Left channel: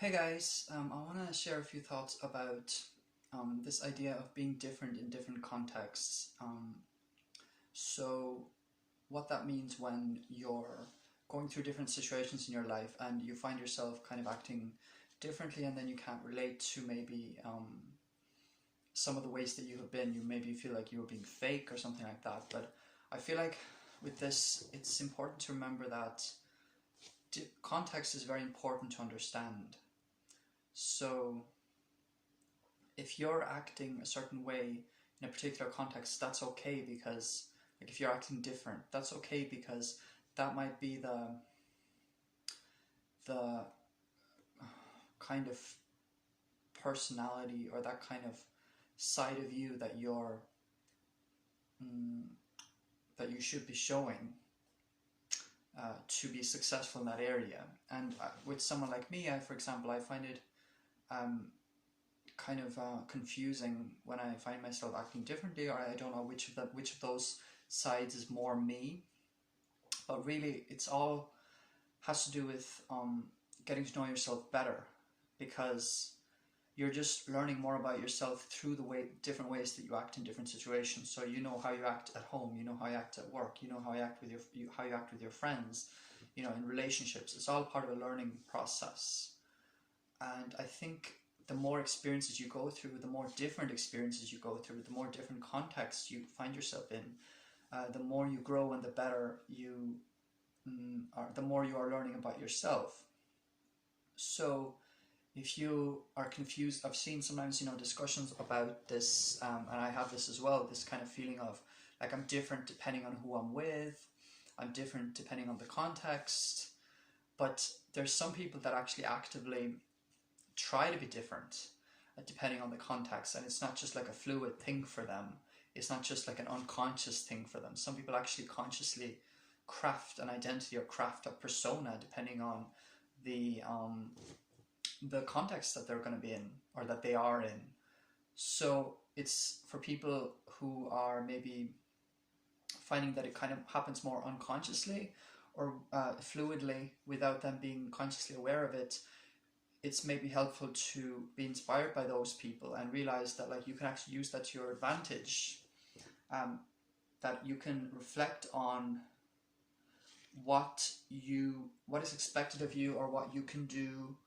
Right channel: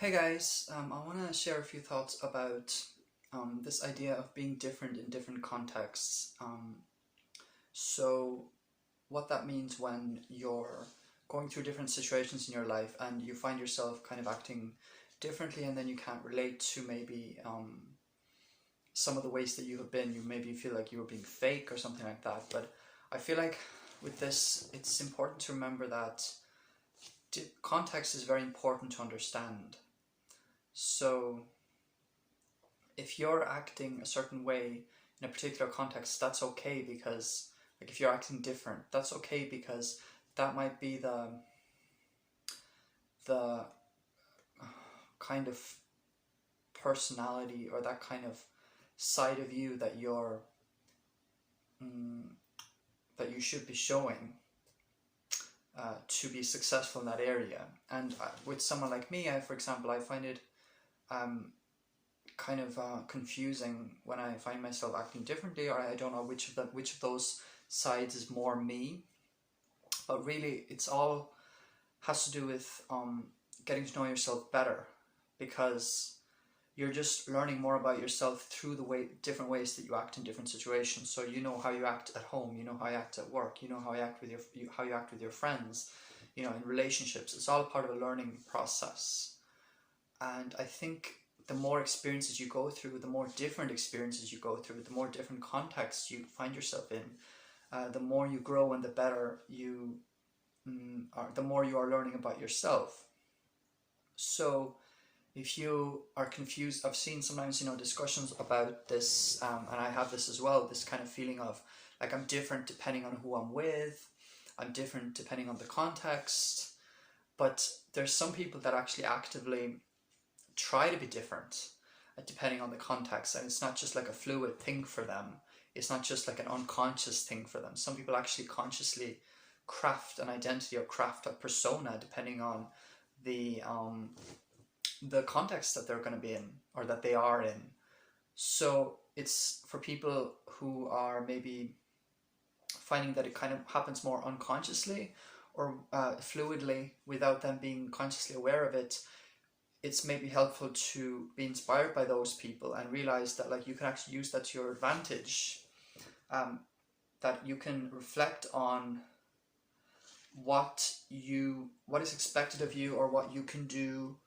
Hey guys, I want to share a few thoughts about this idea of being different in different contexts. So, what that means when you're going through different situations in your life and you find yourself kind of acting differently, and then you can't relate to maybe some of the ways that you have been. You maybe feel like you were being fake or something like that. But I feel like with this, it's important to remember that context is very important to understand. So, if you're acting a certain way in a particular context, that's okay because, like, if you're acting different, that's okay because that might be the kind of personality or that kind of side of you that mm, that you should be showing to be successful in that area. And with someone like me, for example, I find it kind of confusing when I find myself acting differently, or I don't know which of those sides is more me. But really, it's all has to do with getting to know yourself better, because you're just learning more about yourself through different ways that you act in different situations. So you know how you act at home, you know how you act at work, you know how how you act with your friends, in relationships. It's all part of a learning process. And I think the more experiences you go through, the more different experiences you go through, the more different contexts you find yourself in, the more you grow and the better you are, the more you are learning about yourself. So if you are confused, I've seen sometimes, discussions about this, and I have this as well, this kind of feeling of like I'm different depending on who I'm with, I'm different depending on the context, but there's some people that actually actively try to be different depending on the context, and it's not just like a fluid thing for them. It's not just like an unconscious thing for them. Some people actually consciously craft an identity or craft a persona depending on the context that they're going to be in or that they are in. So it's for people who are maybe finding that it kind of happens more unconsciously or fluidly without them being consciously aware of it. It's maybe helpful to be inspired by those people and realize that like you can actually use that to your advantage, that you can reflect on what is expected of you or what you can do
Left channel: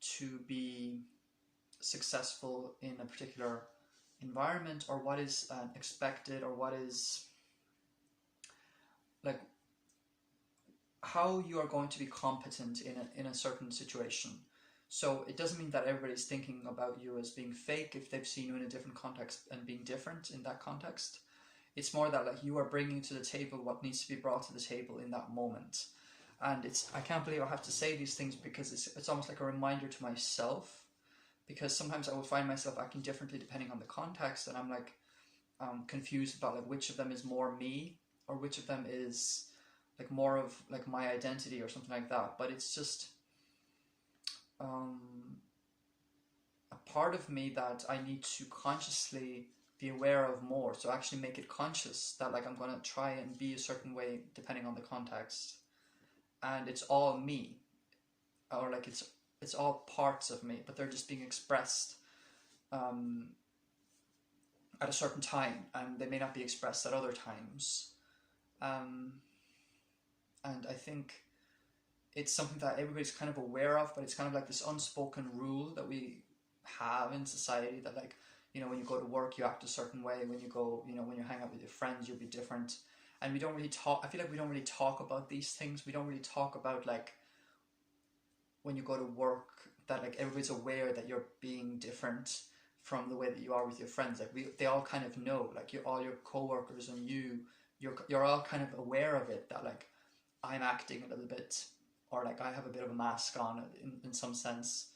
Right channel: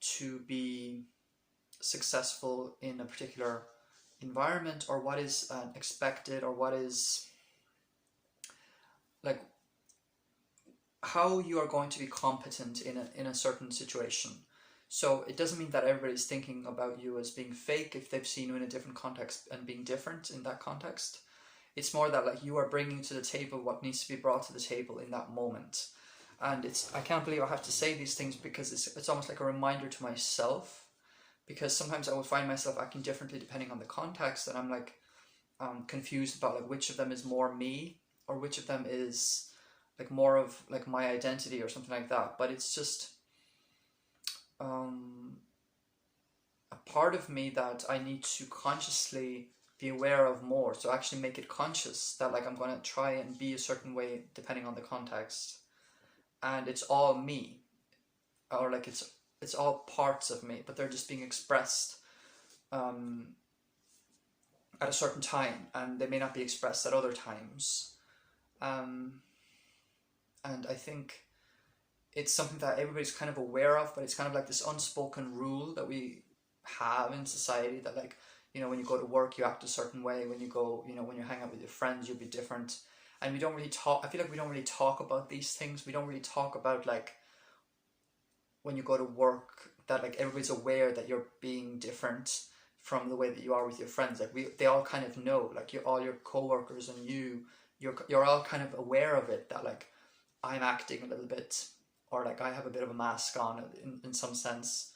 to be successful in a particular environment, or what is expected, or what is like how you are going to be competent in a certain situation. So it doesn't mean that everybody's thinking about you as being fake if they've seen you in a different context and being different in that context. It's more that like you are bringing to the table what needs to be brought to the table in that moment. And I can't believe I have to say these things because it's almost like a reminder to myself, because sometimes I will find myself acting differently depending on the context, and I'm like confused about like which of them is more me or which of them is like more of like my identity or something like that. But it's just a part of me that I need to consciously be aware of more. So actually make it conscious that like I'm going to try and be a certain way depending on the context, and it's all me, or like it's all parts of me, but they're just being expressed at a certain time, and they may not be expressed at other times. And I think it's something that everybody's kind of aware of, but it's kind of like this unspoken rule that we have in society that like, when you go to work you act a certain way, when you go, when you hang out with your friends you'll be different. And we don't really talk, I feel like we don't really talk about these things. We don't really talk about like when you go to work that like everybody's aware that you're being different from the way that you are with your friends. Like they all kind of know, like all your coworkers and you're all kind of aware of it, that like I'm acting a little bit, or like I have a bit of a mask on in some sense,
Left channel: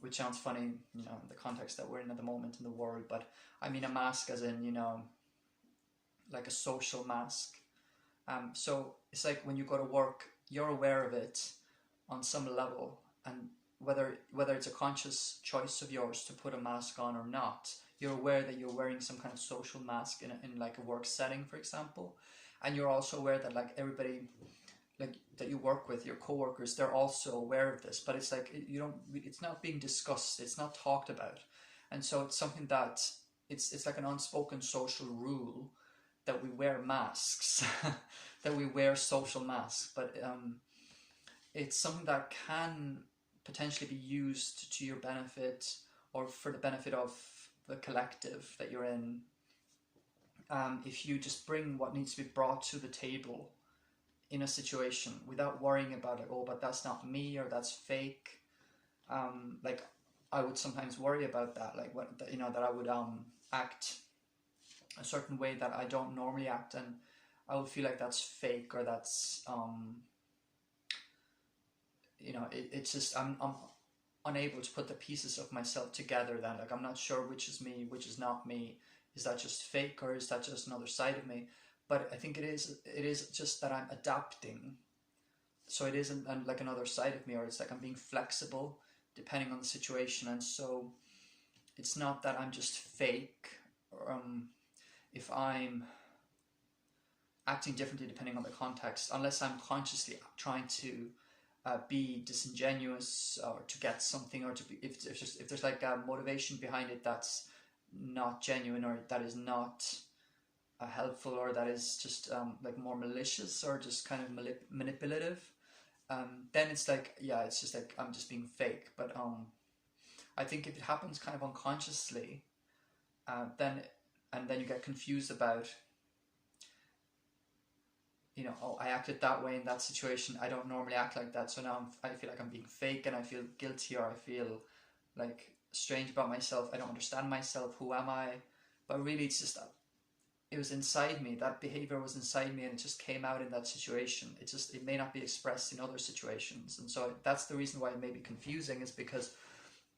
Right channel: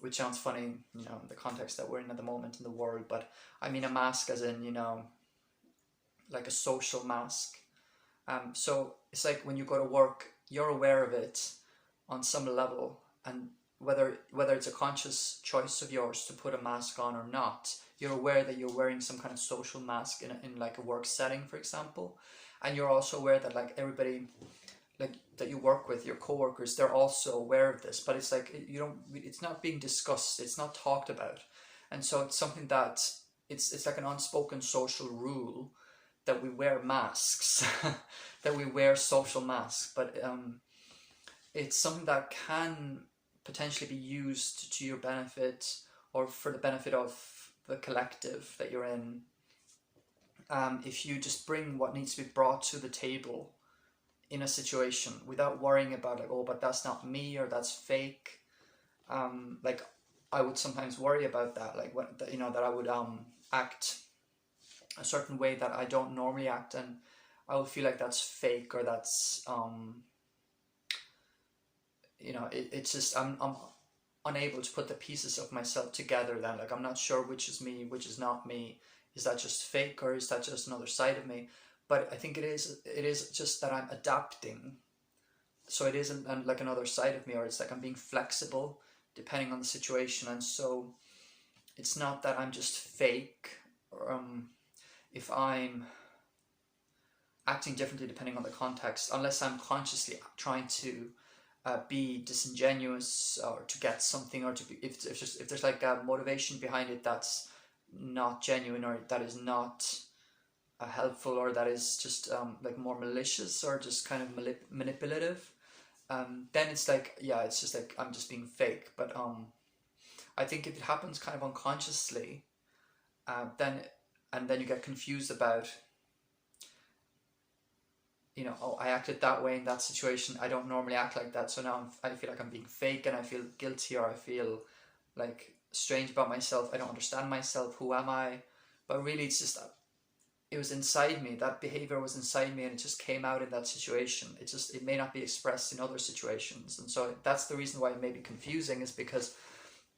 which sounds funny, in the context that we're in at the moment in the world. But I mean a mask as in, like a social mask. So it's like when you go to work, you're aware of it on some level, and whether it's a conscious choice of yours to put a mask on or not, you're aware that you're wearing some kind of social mask in like a work setting, for example. And you're also aware that like everybody, like that you work with, your coworkers, they're also aware of this, but it's like it's not being discussed, it's not talked about, and so it's something that it's like an unspoken social rule that we wear masks, that we wear social masks, but it's something that can potentially be used to your benefit or for the benefit of the collective that you're in. If you just bring what needs to be brought to the table in a situation without worrying about like, oh, but that's not me or that's fake. Like I would sometimes worry about that, like what, you know, that I would act a certain way that I don't normally act, and I would feel like that's fake or that's you know, it's just I'm unable to put the pieces of myself together. Then like I'm not sure which is me, which is not me. Is that just fake or is that just another side of me? But I think it is just that I'm adapting. So it isn't like another side of me, or it's like I'm being flexible depending on the situation. And so it's not that I'm just fake, or if I'm acting differently depending on the context, unless I'm consciously trying to be disingenuous or to get something, or to be, if there's like a motivation behind it that's not genuine, or that is not helpful, or that is just like more malicious or just kind of manipulative, then it's like, yeah, it's just like I'm just being fake. But I think if it happens kind of unconsciously, then you get confused about, you know, oh, I acted that way in that situation, I don't normally act like that, so now I feel like I'm being fake, and I feel guilty, or I feel like strange about myself, I don't understand myself, who am I? But really it's just that it was inside me, that behavior was inside me, and it just came out in that situation. It may not be expressed in other situations. And so that's the reason why it may be confusing, is because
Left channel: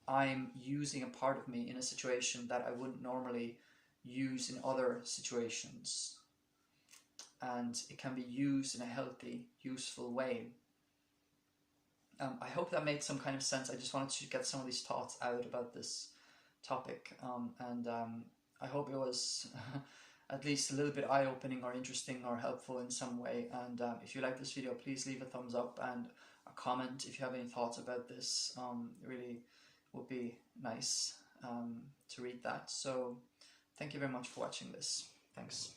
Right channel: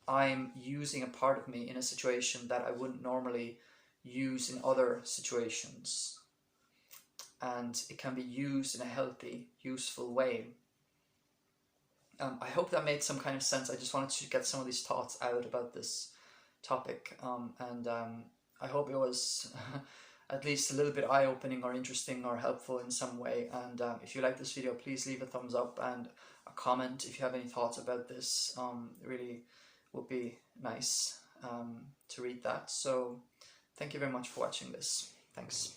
I'm using a part of me in a situation that I wouldn't normally use in other situations, and it can be used in a healthy, useful way. I hope that made some kind of sense. I just wanted to get some of these thoughts out about this topic, and I hope it was at least a little bit eye-opening or interesting or helpful in some way. And if you like this video, please leave a thumbs up and a comment if you have any thoughts about this. It really would be nice to read that. So thank you very much for watching this. Thanks.